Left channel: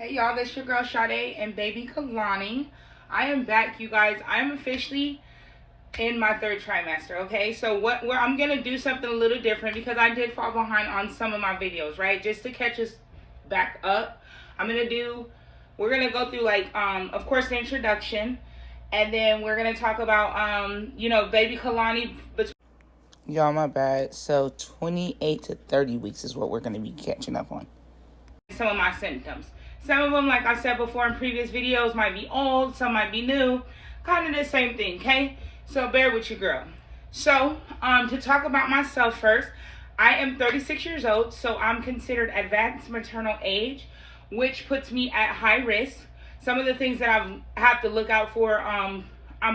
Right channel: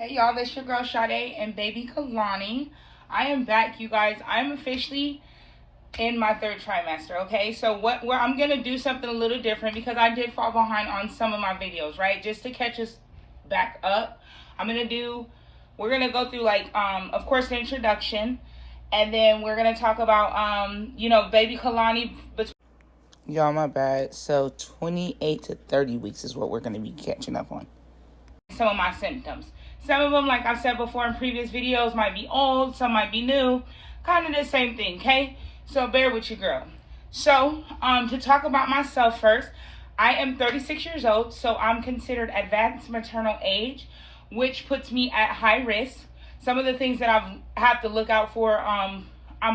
Hey y'all, this your girl Sade and baby Kalani. I am back, you guys. I'm officially in my third trimester, okay? So where I'm gonna do something a little different because I did fall behind on some of my videos, right? Just to catch us back up. We're gonna go through of course the introduction, and then we're gonna talk about baby Kalani. Y'all, my bad. So 28 to 30 weeks is what we're gonna be catching up on. Some of my symptoms. Some of them, like I said before in previous videos, might be old, some might be new. Kind of the same thing, okay? So bear with your girl. So, to talk about myself first, I am 36 years old, so I'm considered advanced maternal age, which puts me at high risk. Some of the things that I have to look out for, I'm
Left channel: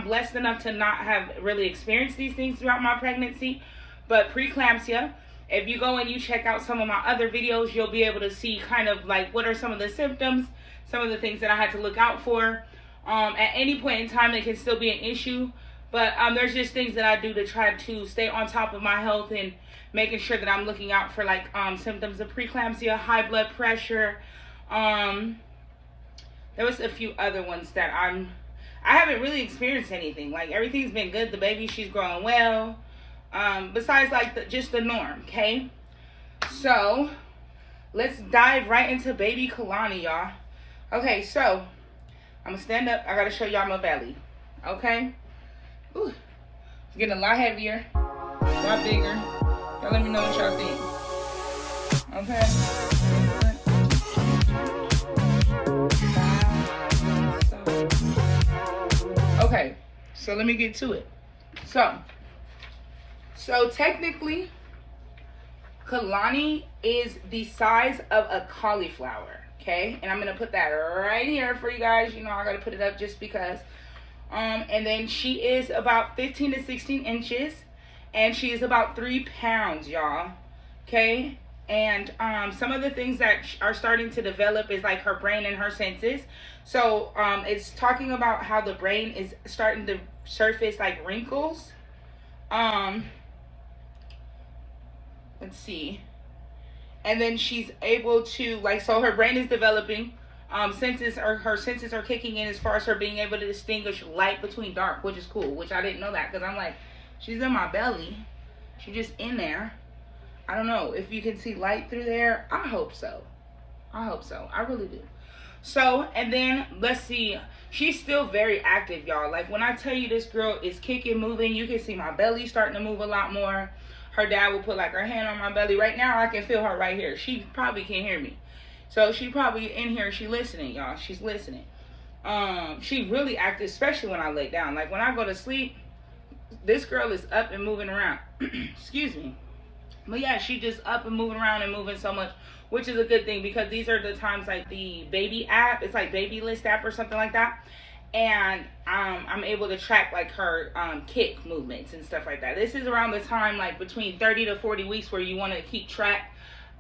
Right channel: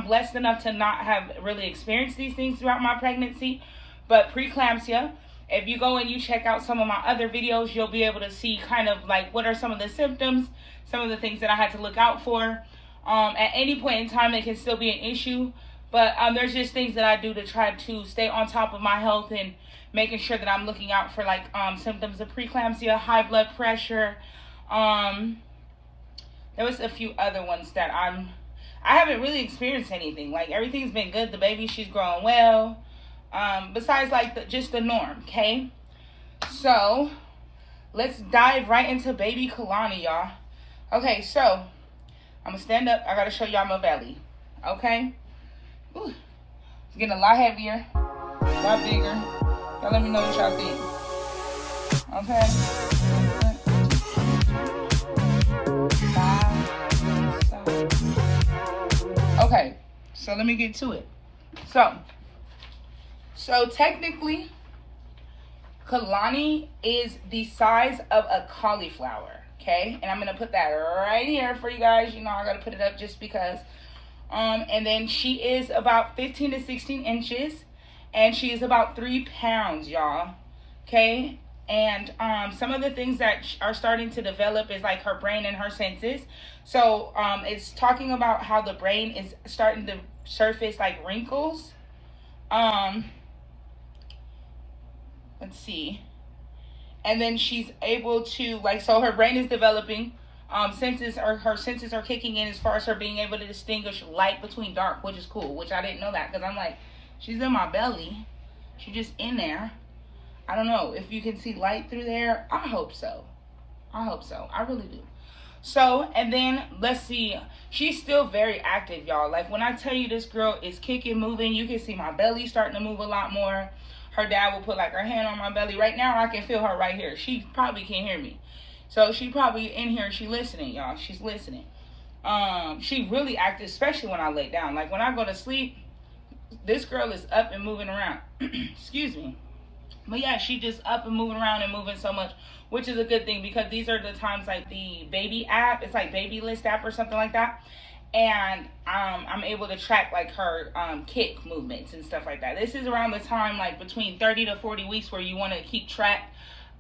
blessed enough to not have really experienced these things throughout my pregnancy, but preeclampsia. If you go and you check out some of my other videos, you'll be able to see kind of like what are some of the symptoms, some of the things that I had to look out for. At any point in time, it can still be an issue, but there's just things that I do to try to stay on top of my health and making sure that I'm looking out for symptoms of preeclampsia, high blood pressure. There was a few other ones that I haven't really experienced anything. Like everything's been good. The baby, she's growing well. Besides just the norm, okay? So let's dive right into baby Kalani, y'all. Okay, so I'm gonna stand up. I gotta show y'all my belly, okay? Ooh, it's getting a lot heavier, a lot bigger. Y'all let me know what y'all think, okay? Okay, so let me get to it. So technically, Kalani is the size of a cauliflower, okay? And I'm going to put that right here for you guys. You know, I got to put it up just because. And then she is about 15 to 16 inches, and she is about 3 pounds, y'all, okay? And some of the things that are starting to develop is like her brain and her senses. So it's talking about how the brain is starting to surface like wrinkles. Let's see. And then she's able to so her brain is developing. Her senses are kicking in as far as her being able to distinguish light between dark, which is cool. Which I didn't know that because I'm like, she's in my belly. She's just in there. I don't know if you can see light through there. I hope so. I really do. So, and then let's see. She's still very active, y'all. Like when I tell you this girl is kicking, moving, you can see my belly starting to move a lot more. Her dad will put her hand on my belly. Right now, I can feel her right here. She probably can't hear me. So she probably in here. She listening, y'all. She's listening. She really active, especially when I lay down. Like when I go to sleep, this girl is up and moving around. Excuse me. But yeah, she just up and moving around and moving so much, which is a good thing because these are the times like the baby app. It's like Baby List app or something like that. And I'm able to track her kick movements and stuff like that. This is around the time between 30 to 40 weeks where you want to keep track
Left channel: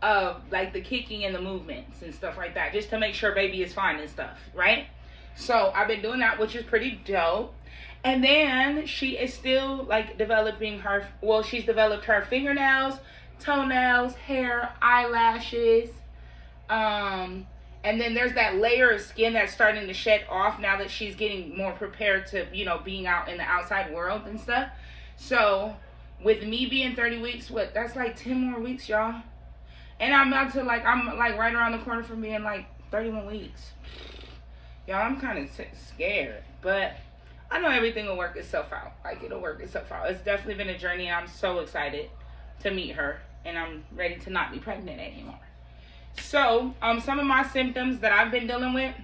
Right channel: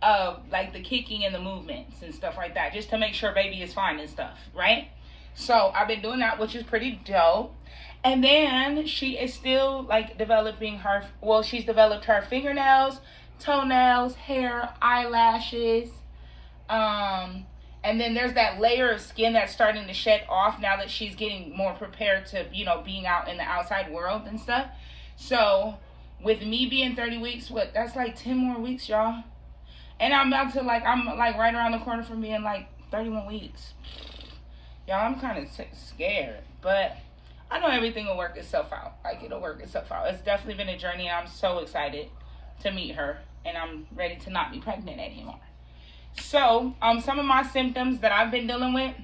of the kicking and the movements and stuff like that, just to make sure baby is fine and stuff, right? So I've been doing that, which is pretty dope. And then she is still developing she's developed her fingernails, toenails, hair, eyelashes, and then there's that layer of skin that's starting to shed off now that she's getting more prepared to, being out in the outside world and stuff. So with me being 30 weeks, that's 10 more weeks, y'all. And I'm about to I'm right around the corner from being 31 weeks. Y'all, I'm kind of scared, but I know everything will work itself out. It'll work itself out. It's definitely been a journey, and I'm so excited to meet her, and I'm ready to not be pregnant anymore. So, some of my symptoms that I've been dealing with,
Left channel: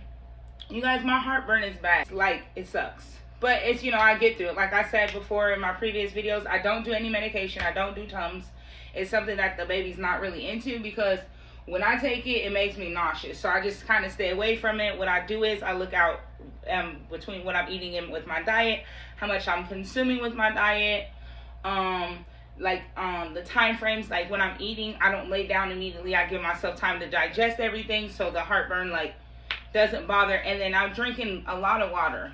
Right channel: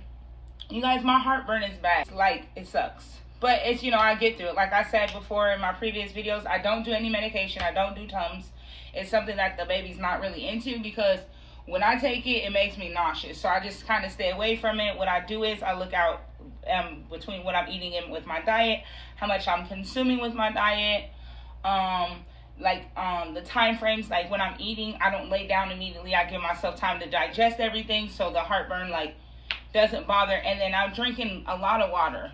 you guys, my heartburn is bad. It sucks. But it's, I get through it. Like I said before in my previous videos, I don't do any medication. I don't do Tums. It's something that the baby's not really into because when I take it, it makes me nauseous. So I just kind of stay away from it. What I do is I look out between what I'm eating in with my diet, how much I'm consuming with my diet, the time frames, when I'm eating, I don't lay down immediately. I give myself time to digest everything so the heartburn doesn't bother. And then I'm drinking a lot of water,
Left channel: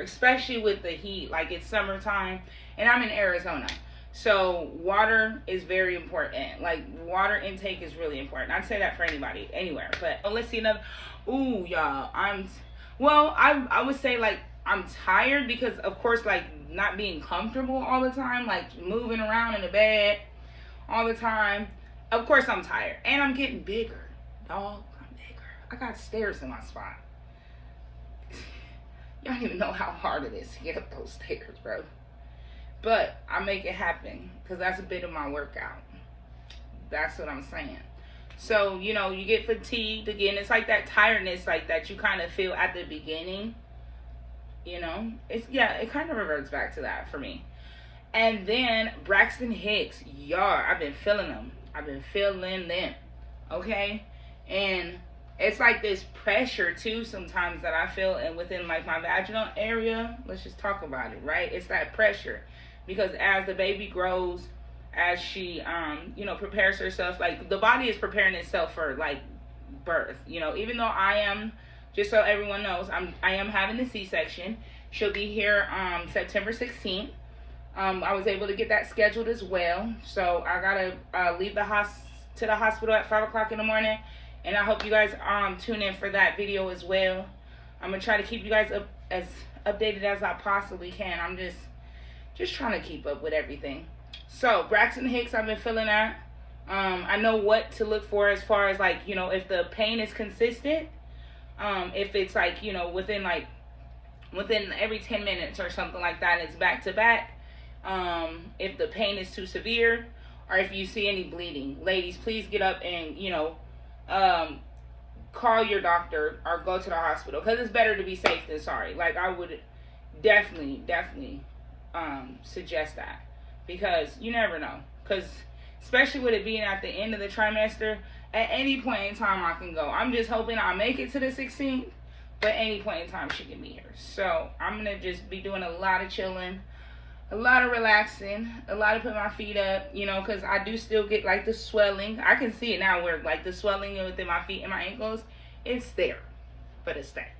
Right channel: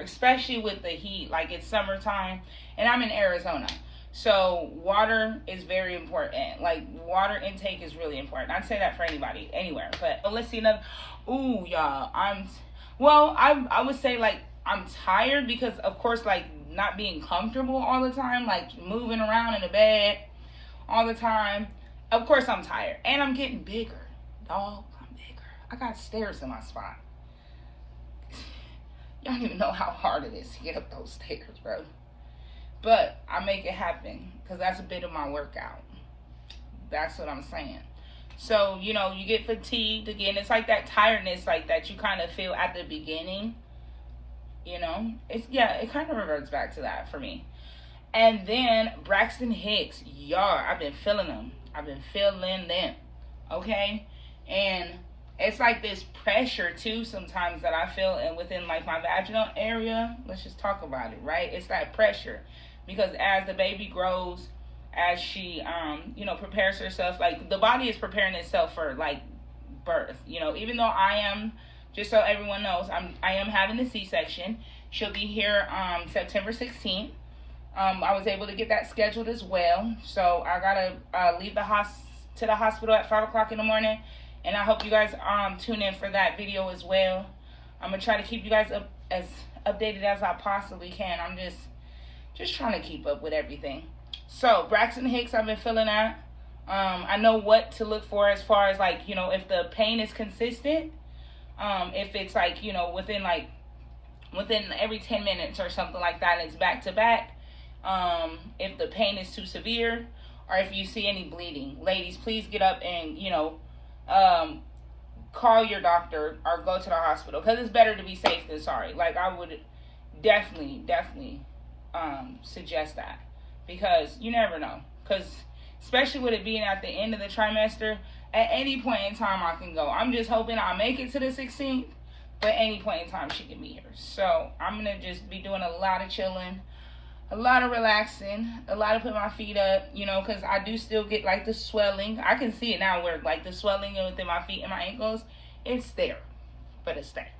especially with the heat. It's summertime and I'm in Arizona, So water is very important. Like, water intake is really important. I'd say that for anybody, anywhere. But let's see another. Ooh, y'all. I would say, like, I'm tired because, of course, like, not being comfortable all the time, like, moving around in the bed all the time. Of course, I'm tired. And I'm getting bigger. Dog, I'm bigger. I got stairs in my spine. Y'all don't even know how hard it is to get up those stairs, bro. But I make it happen because that's a bit of my workout. That's what I'm saying. So, you know, you get fatigued again. It's like that tiredness like that you kind of feel at the beginning. You know, it kind of reverts back to that for me. And then Braxton Hicks, y'all, I've been feeling them. Okay? And it's like this pressure too sometimes that I feel within like my vaginal area. Let's just talk about it, right? It's that pressure. Because as the baby grows, as she, prepares herself, like, the body is preparing itself for, like, birth. You know, even though I am, just so everyone knows, I am having a C-section. She'll be here September 16th. I was able to get that scheduled as well. So I got to leave to the hospital at 5 o'clock in the morning. And I hope you guys tune in for that video as well. I'm going to try to keep you guys as updated as I possibly can. I'm just trying to keep up with everything. So Braxton Hicks, I've been feeling that. I know what to look for as far as, like, you know, if the pain is consistent, if it's like, you know, within every 10 minutes or something like that, it's back to back. If the pain is too severe, or if you see any bleeding, ladies, please get up and, you know, call your doctor or go to the hospital, because it's better to be safe than sorry. Like, I would definitely suggest that, because you never know, because especially with it being at the end of the trimester, at any point in time I can go. I'm just hoping I make it to the 16th, but any point in time she can be here. So I'm gonna just be doing a lot of chilling, a lot of relaxing, a lot of putting my feet up, you know, because I do still get like the swelling. I can see it now where like the swelling within my feet and my ankles, it's there, but it's there.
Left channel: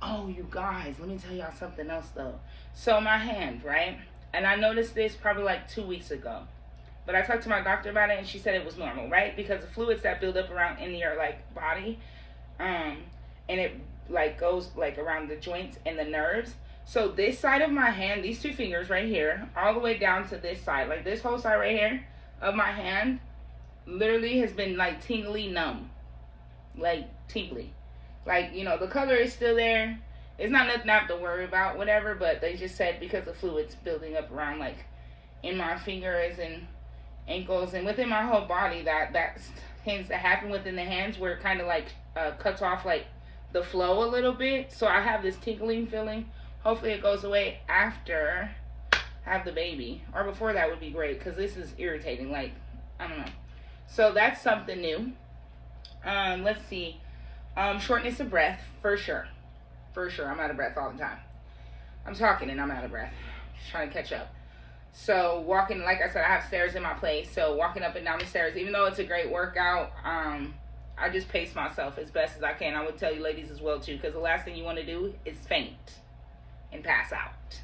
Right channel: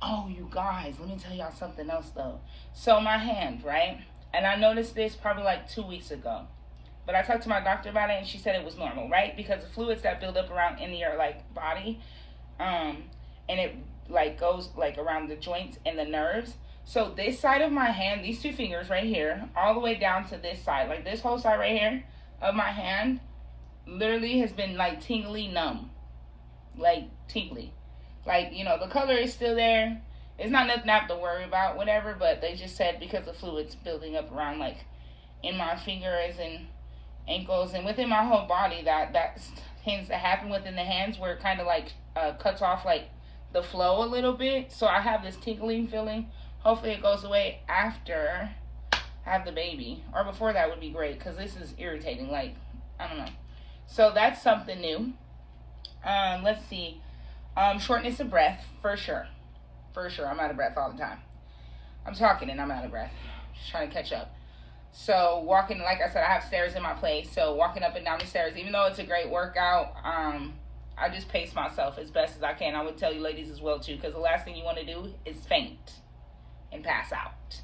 Oh, you guys, let me tell y'all something else though. So my hand, right? And I noticed this probably like 2 weeks ago. But I talked to my doctor about it and she said it was normal, right? Because the fluids that build up around in your like body, and it like goes like around the joints and the nerves. So this side of my hand, these two fingers right here, all the way down to this side, like this whole side right here of my hand, literally has been like tingly numb. Like tingly. Like, you know, the color is still there. It's not nothing I have to worry about, whatever, but they just said because the fluid's building up around, like, in my fingers and ankles and within my whole body, that tends to happen within the hands, where it kind of, like, cuts off, like, the flow a little bit. So I have this tingling feeling. Hopefully it goes away after I have the baby. Or before that would be great, because this is irritating. Like, I don't know. So that's something new. Let's see. Shortness of breath, for sure. For sure. I'm out of breath all the time. I'm talking and I'm out of breath. Just trying to catch up. So walking, like I said, I have stairs in my place. So walking up and down the stairs, even though it's a great workout, I just pace myself as best as I can. I would tell you ladies as well too, because the last thing you want to do is faint and pass out.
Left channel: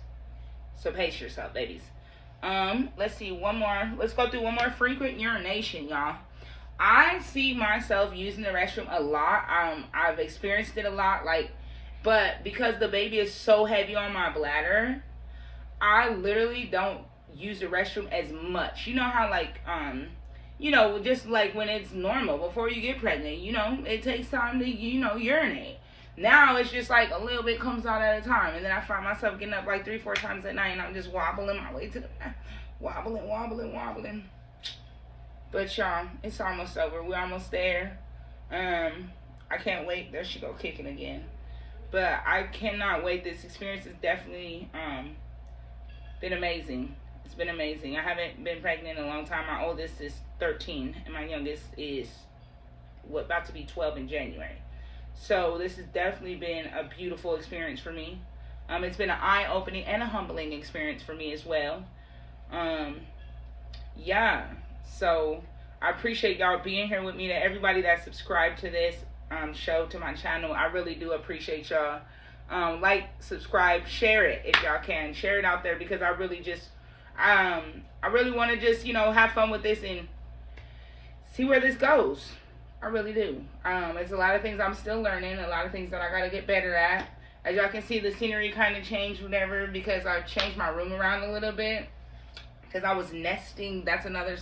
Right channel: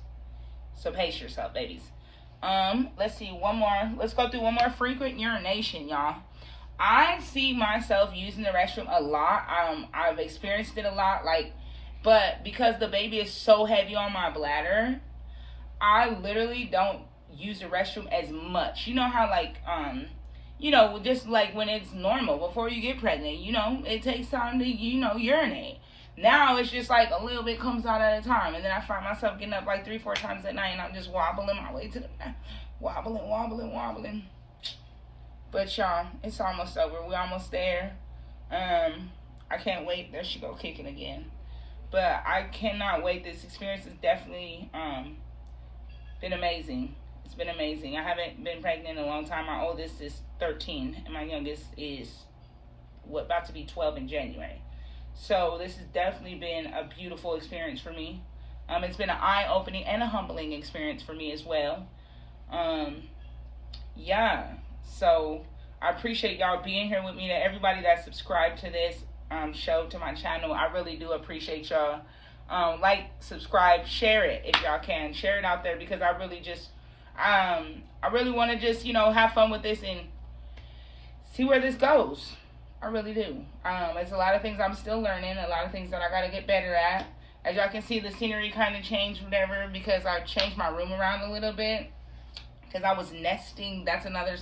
So pace yourself, ladies. Let's see, one more. Let's go through one more. Frequent urination, y'all. I see myself using the restroom a lot. I've experienced it a lot, like, but because the baby is so heavy on my bladder, I literally don't use the restroom as much. You know how, like, you know, just like when it's normal before you get pregnant, you know, it takes time to, you know, urinate. Now it's just like a little bit comes out at a time, and then I find myself getting up like 3-4 times at night, and I'm just wobbling my way to the wobbling. But y'all, it's almost over. We're almost there. I can't wait. There she go, kicking again. But I cannot wait. This experience has definitely been amazing. It's been amazing. I haven't been pregnant in a long time. My oldest is 13, and my youngest is about to be 12 in January. So this has definitely been a beautiful experience for me. It's been an eye-opening and a humbling experience for me as well. Yeah. So I appreciate y'all being here with me. To everybody that subscribed to this show, to my channel, I really do appreciate y'all. Like, subscribe, share it if y'all can. Share it out there, because I I really want to just, have fun with this and see where this goes. I really do. It's a lot of things I'm still learning, a lot of things that I got to get better at. As y'all can see, the scenery kind of changed, whatever, because I changed my room around a little bit. Because I was nesting. That's another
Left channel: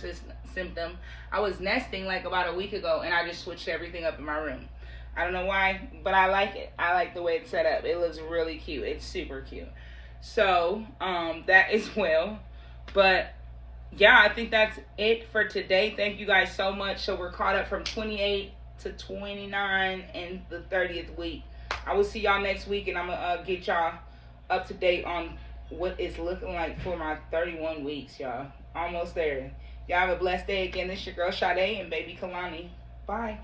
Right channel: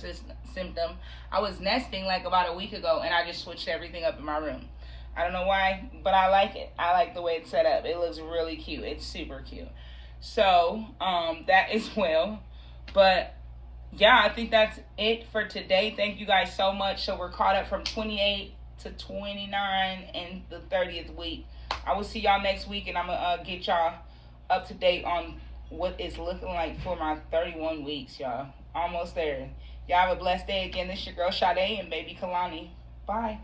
symptom. I was nesting like about a week ago, and I just switched everything up in my room. I don't know why, but I like it. I like the way it's set up. It looks really cute. It's super cute. So, that as well. But, yeah, I think that's it for today. Thank you guys so much. So, we're caught up from 28 to 29 in the 30th week. I will see y'all next week, and I'm going to get y'all up to date on what it's looking like for my 31 weeks, y'all. Almost there. Y'all have a blessed day. Again, this is your girl Sade and baby Kalani. Bye.